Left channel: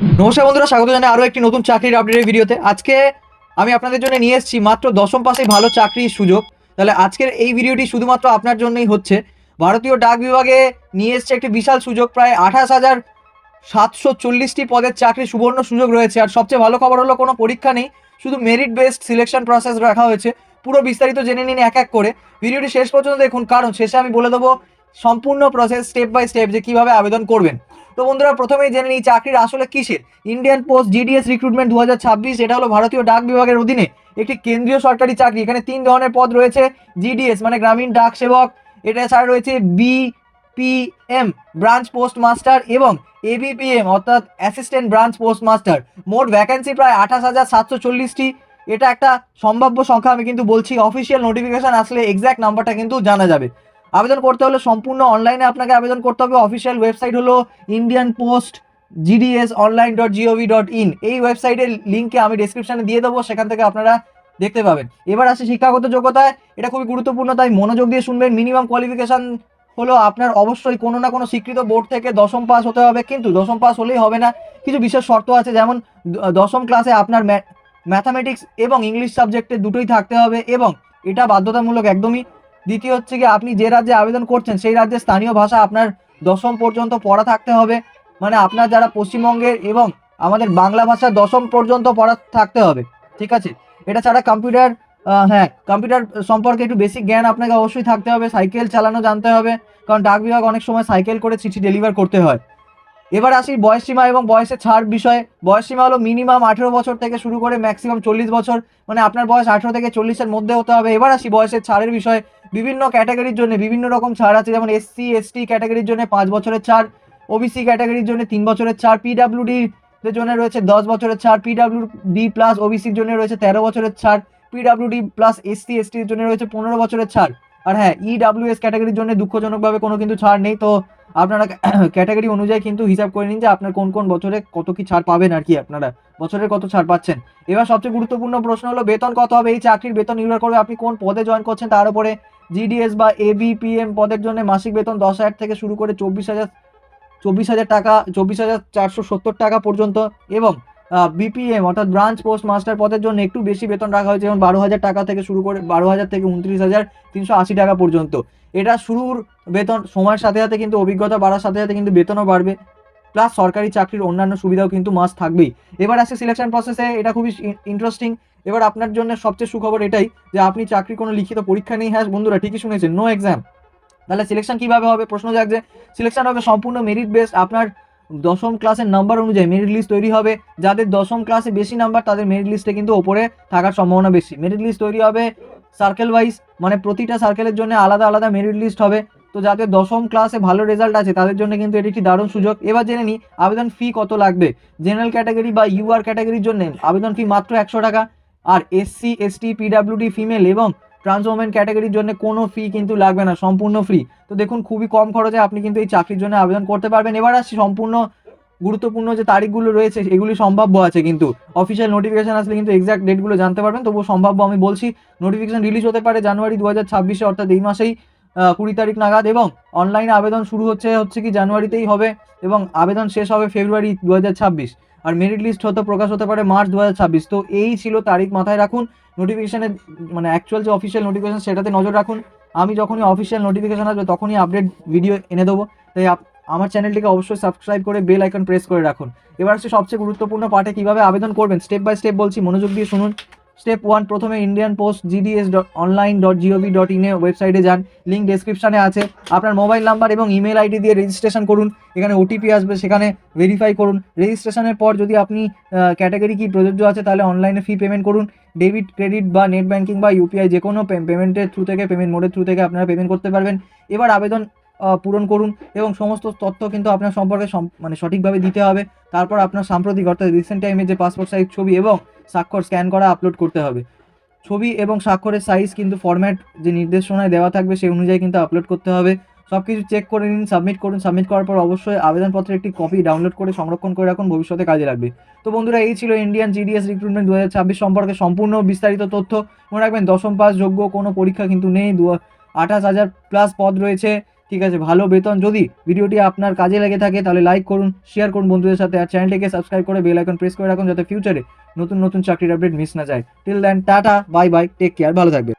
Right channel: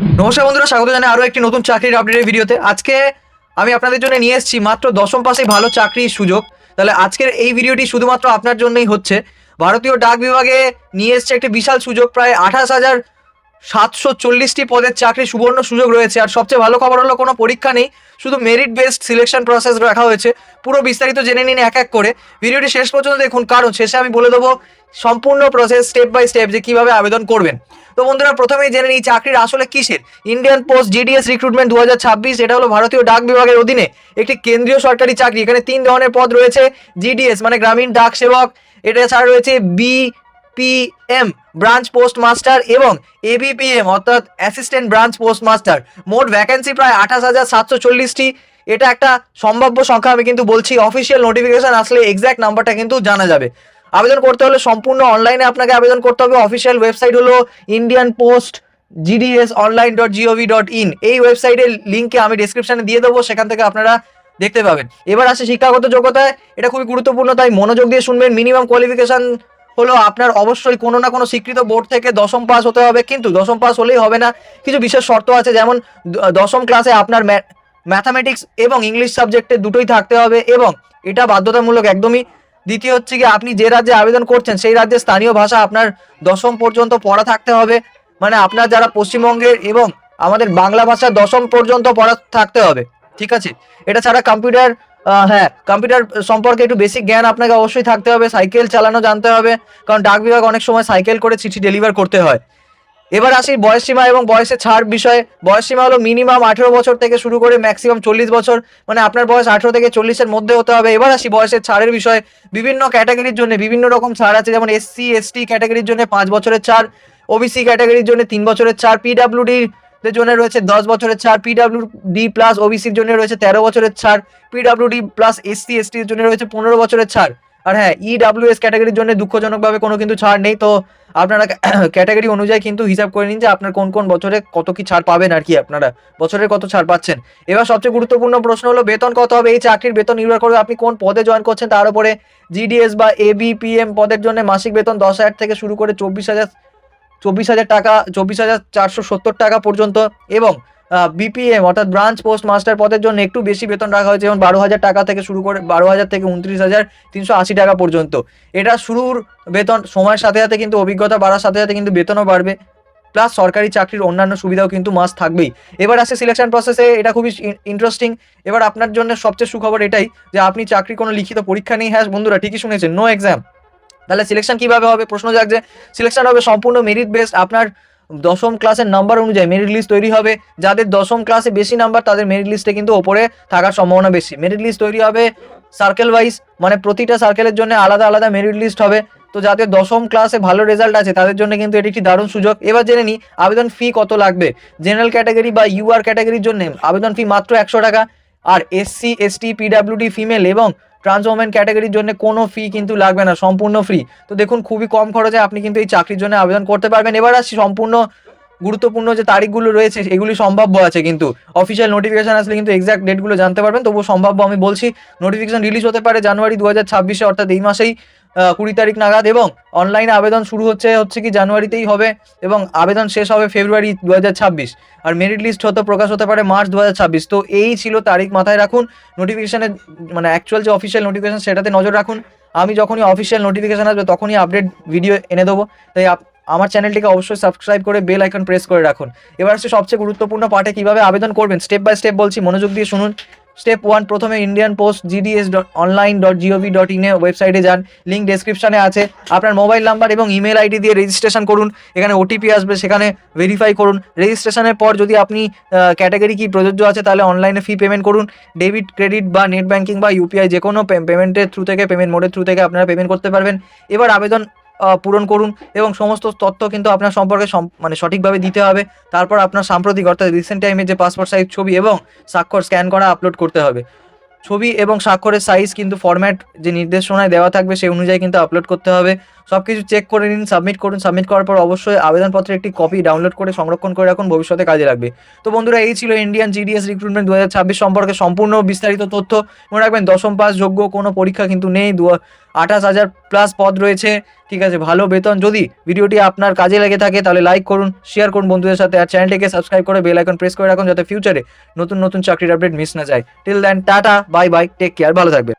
নমস্কার বন্ধুরা, স্বাগত জানাই আরও একটি নতুন চাকরির আপডেটের ভিডিওতে। আজকে আমি আপনাদের জন্য নিয়ে এসেছি মাত্র দশম পাশে ভালো চাকরির সুযোগ। তাহলে আজকের এই ভিডিওটি শুধুমাত্র আপনার জন্যই হচ্ছে। ভারতীয় ডাক বিভাগে নিয়ে এসছে একটি বিশাল সুযোগ, প্রায় 28,740টি পদের চাকরি সুবর্ণ সুযোগ রয়েছে। আর সবচেয়ে ভালো খবর হলো কোনো পরীক্ষা নেই, শুধু মেরিট বেসড সিলেকশন প্রসেস রাখা হয়েছে। পুরো বিস্তারিত জেনে নিন এক এক করে, ভিডিওটি শেষ পর্যন্ত দেখুন, কারণ শেষে আমি বলে দেবো সম্পূর্ণ প্রসেস স্টেপ বাই স্টেপ যে কীভাবে আবেদন করবেন। তো বন্ধুরা, প্রথমেই জেনে নিই চাকরির আসলে কিসের। ইন্ডিয়ান পোস্ট জিডিএস রিক্রুটমেন্ট 2026, এটা হলো ভারতীয় ডাক বিভাগের অধীনে একটি কেন্দ্রীয় সরকারি চাকরি। এখানে 3 ধরনের পদ রয়েছে। জিডিএস মানে গ্রামীণ ডাক সেবক, এটা ছাড়া রয়েছে বিপিএম ব্রাঞ্চ পোস্ট মাস্টার এবং এবিপিএম অর্থাৎ অ্যাসিস্ট্যান্ট ব্রাঞ্চ পোস্ট মাস্টার। মোট ভ্যাকেন্সি প্রায় 28,740টি। এটা একটা সম্ভাব্য সংখ্যা, আমি কিন্তু বলছি। অফিসিয়াল নোটিফিকেশন আসলে এক্স্যাক্ট নাম্বারটা কিন্তু জানা যাবে। আবেদন করতে হলে সম্পূর্ণ অনলাইনে আপনাকে আবেদন করতে হবে। অফিসিয়াল ওয়েবসাইট হলো ইন্ডিয়ান পোস্ট gds.online.gov.in। এই ওয়েবসাইটের লিঙ্কে আমি ডেসক্রিপশনে দিয়ে দেবো, সেখান থেকে আপনারা দেখতে পাবেন। এবার আসে শিক্ষাগত যোগ্যতায়, এটা খুবই গুরুত্বপূর্ণ, তাই মনোযোগ দিয়ে শুনবেন। মিনিমাম কোয়ালিফিকেশন হলো আপনার অবশ্যই কোনো না কোনো স্বীকৃত বোর্ড থেকে দশম পাস হতে হবে, কিন্তু দশম পাস হলেই হবে না, কিছু বিশেষ শর্ত আছে। যেমন দশম ক্লাসে আপনার ম্যাথামেটিক্স এবং ইংলিশ সাবজেক্টে দুটোই থাকতে হবে, এবং এটা বাধ্যতামূলক একদমই। দ্বিতীয় হচ্ছে কি, আপনি যে রাজ্যে আবেদন করছেন সেই রাজ্যের স্থানীয় ভাষা আপনার দশম পর্যন্ত পড়া থাকতে হবে। মানে আপনার যারা পশ্চিমবঙ্গের এবং আমাদের বাংলা ভাষা দশম পর্যন্ত পড়া থাকতে হবে, ঠিক আছে। এটা ছাড়া কম্পিউটার কম্পিউটার সম্পর্কে একটু বেসিক জ্ঞান আপনাকে অবশ্যই থাকতে হবে। সাইকেল চালানো জানতে হবে, কারণ ডাক বিভাগ অনেক সময় সাইকেল করে চিঠি ডেলিভার করতে হয়। এবার আসি বয়সসীমা এবং বয়সের ছাড় বিষয়ে। বয়সসীমা হলো মিনিমাম 18 বছর থেকে শুরু করে ম্যাক্সিমাম 40 বছর, মানে আপনার বয়স 18 থেকে 40-এর মধ্যে হতে হবে। এবার আসি বয়সের ছাড়ের বিষয়ে। বিভিন্ন ক্যাটাগরির জন্য বিভিন্ন রকম ছাড় আছে, যেমন SC ST ক্যাটাগরির জন্য 5 বছরের ছাড়, ওবিসি ক্যাটাগরির জন্য 3 বছরের ছাড়, পিডাব্লিউডি দের জন্য রয়েছে 10 বছরের ছাড়, পিডাব্লিউডি প্লাস ওবিসির জন্য রয়েছে 13 বছরের ছাড়, পিডাব্লিউডি প্লাস SC ST এর জন্য রয়েছে 15 বছরের ছাড়। আর হ্যাঁ, EWS ক্যাটাগরির জন্য দুঃখজনকভাবে কোনো কিন্তু ছাড় নেই। তো আপনারা ক্যাটাগরি অনুযায়ী কিন্তু হিসাব করে নিন যে আপনার কোন কোন বছরে কত কি ছাড় পাবেন, আর কি আপনারা বছরের কত ছাড় পাচ্ছেন। এবার সবচেয়ে গুরুত্বপূর্ণ প্রশ্ন হলো বেতন কত হবে। এই চাকরির বেতন নির্ভর করবে আপনি কোন পদে জয়েন করছেন তার উপরে। জিডিএস বা এবিপিএম পদের জন্য মাসিক বেতন 10,000 থেকে শুরু করে 24,000 টাকা, 24,470 টাকা পর্যন্ত। এবং বিপিএম অর্থাৎ ব্রাঞ্চ পোস্ট মাস্টার পদের জন্য একটু বেশি বেতন রাখা হয়েছে, যেমন 12,000 টাকা থেকে শুরু করে 12,000 থেকে 29,380 টাকা পর্যন্ত। এটা শুরুর বেতন, সময়ের সাথে সাথে কিন্তু অভিজ্ঞতা বাড়ার সাথে সাথে কিন্তু বেতনও বাড়বে, প্লাস সরকারি চাকরির অন্যান্য সুবিধাও কিন্তু মাস্ট থাকবেই। এবার আসে সিলেকশন প্রসেসে, এটা খুবই ইন্টারেস্টিং। এবার আপনার জন্য সবচেয়ে সুখবর এটাই যে আপনি চাকরি কোনো লিখিত পরীক্ষা নেই। হ্যাঁ বন্ধুরা, ঠিকই শুনেছেন, নো এক্সাম। তাহলে সিলেকশন কিভাবে হবে প্রশ্ন জাগছে। সিলেকশন হবে সম্পূর্ণ মেরিট বেসড। আপনার দশম ক্লাসের নাম্বার অনুযায়ী মেরিট লিস্ট তৈরি হবে। যাদের দশম ক্লাসে বেশি নাম্বার তাদের মেরিট লিস্টে কিন্তু ওপরে থাকার সম্ভাবনা বেশি। মেরিট লিস্ট তৈরি হবে সার্কেল ওয়াইজ, মানে প্রতিটা সার্কেলের জন্য আলাদা আলাদা মেরিট লিস্ট হবে। তো যাদের দশম ক্লাসে ভালো রেজাল্ট আছে তাদের জন্য কিন্তু এটি একটি দারুণ সুযোগ। এবার জেনে নিই আবেদন ফি কত লাগবে। জেনারেল ক্যাটাগরি বা UR ক্যাটাগরির জন্য আবেদন ফি মাত্র 100 টাকা। আর SC ST PWD ফিমেল এবং ট্রান্স ওমেন ক্যাটাগরির জন্য কোনো ফি কিন্তু লাগবে না, সম্পূর্ণ ফ্রি। তো দেখুন, খুবই কম খরচে আপনি কিন্তু এই চাকরির জন্য আবেদন করতে পারবেন। এবার আসছি সম্পূর্ণ গুরুত্বপূর্ণ যে তারিখগুলো রয়েছে এগুলি সম্ভাব্য আছে, কিন্তু অফিসিয়াল নোটিফিকেশন আসলে কিন্তু এক্সাক্ট ডেটগুলো জানতে পারবেন। তবুও সম্ভাব্য আমি বলছি, নোটিফিকেশন রিলিজ হতে পারে জানুয়ারি 2026-এ, অর্থাৎ এই মাসেই 20 তারিখ নাগাদ। এবং অনলাইনে আবেদন শুরু হচ্ছে কি জানুয়ারিতেই হবে, এবং আবেদন শেষ হবে ফেব্রুয়ারি 2026। আর মেরিট লিস্ট প্রকাশ হতে পারে মার্চ 2026। তো এই ছিল তারিখ, মাথায় রাখুন। নোটিফিকেশনের মানে অ্যাকচুয়াল যে অফিসিয়াল নোটিফিকেশন সেটাতে নজর রাখুন। আমি যখনই অফিসিয়াল নোটিফিকেশন আসবে তখনই আপডেট ভিডিও এনে দেবো। তাই আমার চ্যানেলটিকে অবশ্যই সাবস্ক্রাইব করে বেল আইকন প্রেস করে রাখুন। এবার হচ্ছে সবচেয়ে গুরুত্বপূর্ণ পার্টে, কিভাবে আবেদন করবেন স্টেপ বাই স্টেপ বলছি, মনোযোগ দিয়ে শুনুন। স্টেপ 1, প্রথমে ইন্ডিয়ান পোস্ট gds.online.gov.in ওয়েবসাইটে যান, লিঙ্ক ডেসক্রিপশনে আছে। আপনার মোবাইল নাম্বার এবং ইমেল আইডি দিয়ে রেজিস্ট্রেশন করুন। এখানে OTP আসবে, সেখানে ভেরিফাই করুন। রেজিস্ট্রেশনের পর যদি আপনি ক্যাটাগরি কি প্রযোজ্য আছে তাহলে অনলাইনে ফি পেমেন্ট করুন। ডেবিট, ক্রেডিট বা নেট ব্যাঙ্কিং বা UPI যে কোনো পেমেন্টের থ্রু থেকে, পেমেন্ট মোডের থ্রু থেকে আপনারা পেমেন্ট করতে পারবেন। এবার আবেদন পূরণ করুন এবং সমস্ত তথ্য কিন্তু আপনার সম্পর্কে মানে সঠিকভাবে দিতে হবে। তারপর আপনার সাম্প্রতিক অর্থাৎ রিসেন্ট টাইমে যে পাসপোর্ট সাইজ ছবি এবং স্বাক্ষর স্ক্যান করা আপলোড করতে হবে। ছবি এবং স্বাক্ষরের সাইজ কিন্তু ফরম্যাট যে নির্দেশনায় দেওয়া থাকবে সেই অনুযায়ী কিন্তু আপলোড করতে হবে। সব কিছু চেক করে নিন, সাবমিট করুন। সাবমিট করার পর অবশ্যই আবেদনপত্রের একটি কপি ডাউনলোড করে সংরক্ষণ করে রাখুন, ভবিষ্যতে কাজে লাগবে। তো বন্ধুরা, এই ছিল ইন্ডিয়ান জিডিএস রিক্রুটমেন্ট 2026 সম্পর্কে সম্পূর্ণ বিস্তারিত তথ্য। মনে রাখবেন, দশম পাস যোগ্য, কোনো পরীক্ষা কিন্তু নেই। 28,000 প্লাস পদ রয়েছে, ঠিক আছে, ভালো বেতন। যদি ভিডিওটি আপনার কাজে লেগে থাকে তাহলে লাইক করুন, শেয়ার করুন বন্ধুদের সাথে, আর চ্যানেলটিকে সাবস্ক্রাইব করে বেল আইকন প্রেস করে রাখুন, যাতে ফিউচারে নতুন নতুন চাকরির আপডেট মিস না যায়। Till then, tata, bye bye, take care, ভালো থাকবেন।